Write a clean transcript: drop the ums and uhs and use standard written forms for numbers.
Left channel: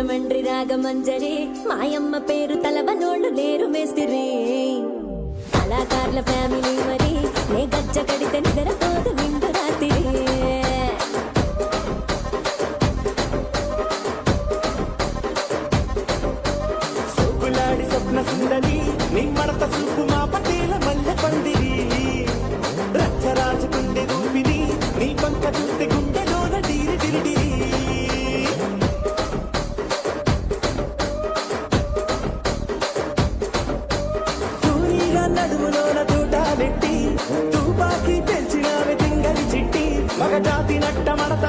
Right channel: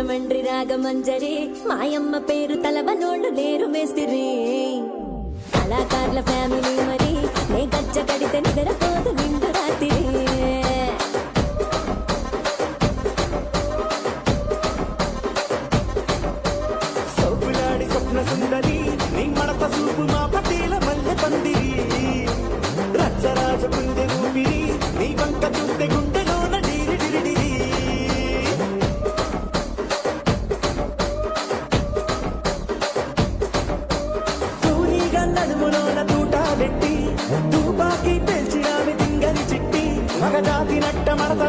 రాజమండ్రి రాగమంజరి మాయమ్మ పేరు తలవనోళ్ళు లేరు మేస్తిరి కళాకారుల ఫ్యామిలీ మరి నే గజ్జ కడితే నిద్రపోదు నిండు రాత్రి తుపాకి తెలిసిన తింగలి చిట్టి మగజాతి నట్ట మనస